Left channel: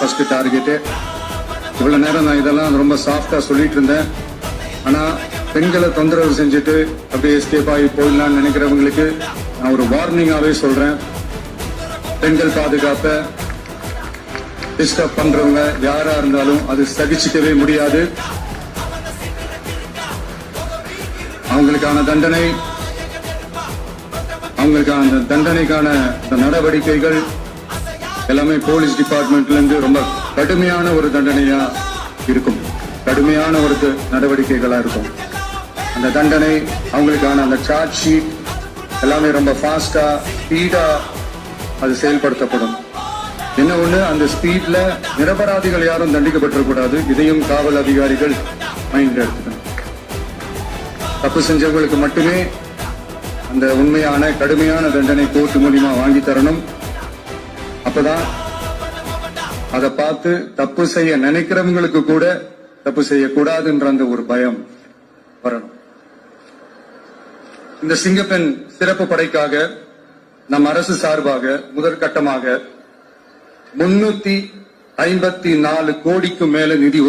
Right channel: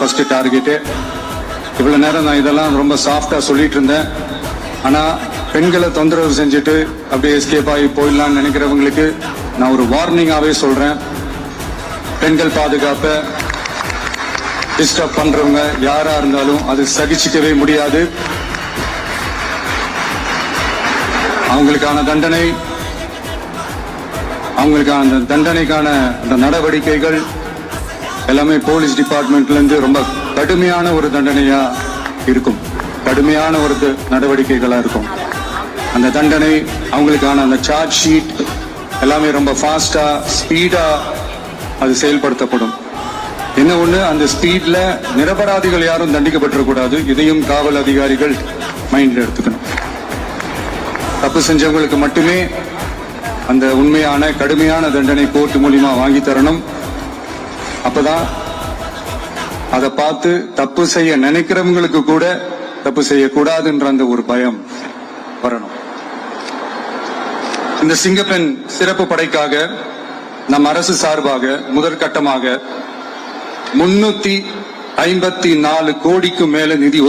First target. இவ்வளவு நேரம் நான் இதெல்லாம் ரொம்ப சாஃப்டா சொல்லிட்டு இருந்தேன். ஆனா பெண்களை தொந்தரவு செஞ்சுட்டு அப்படியே எஸ்கேப் ஆகி போயிடலாம்னு நினைக்கிறவங்களுக்கு நான் ஒரு வார்னிங்காவே சொல்றேன். பெண்கள் பாதுகாப்பை டிஸ்டர்ப் பண்றவங்க யாரா இருந்தாலும் அது சகிச்சுக்கவே முடியாது. அவங்களுக்கான தண்டனைக்கான நடவடிக்கைகள் எல்லாமே போலீஸ் டிபார்ட்மெண்ட்ல இருந்து ரொம்ப கடுமையான ஒரு தண்டனையா இருக்கும், கடுமையான ஒரு நடவடிக்கைகளா இருக்கும். அந்த தண்டனை அவங்களுக்கான அந்த சார்ஜ் ஷீட் எல்லாமே ரொம்ப ஃபாஸ்டா ஸ்பீடா அது செயல்படுத்தப்படும். என்ன ஒண்ணு, அந்த ஸ்பீட்ல நிரபராதிகள் யாரும் தண்டிக்கப்பட்டிருக்கூடாது. இதையும் காவல் அதிகாரிகள் மைண்ட்ல எடுத்துக்கணும். தப்பு செஞ்சவங்களுக்கு மட்டுமே அந்த உண்மையான கடுமையான தண்டனை கோர்ட் மூலியமா வாங்கி தரணும். அப்பதான் அதை பார்த்து தப்பு செய்ய நினைக்கிறவங்களுக்கு கூட தப்பு செய்யக்கூடாதுன்ற அந்த ஒரு பயம் வரணும். இந்த சிங்கப்பெண் சிறப்பு படைக்காக நம் அரசு சார்பாக முதற்கட்டமாக 354 கோடிக்கும் மேல நிதி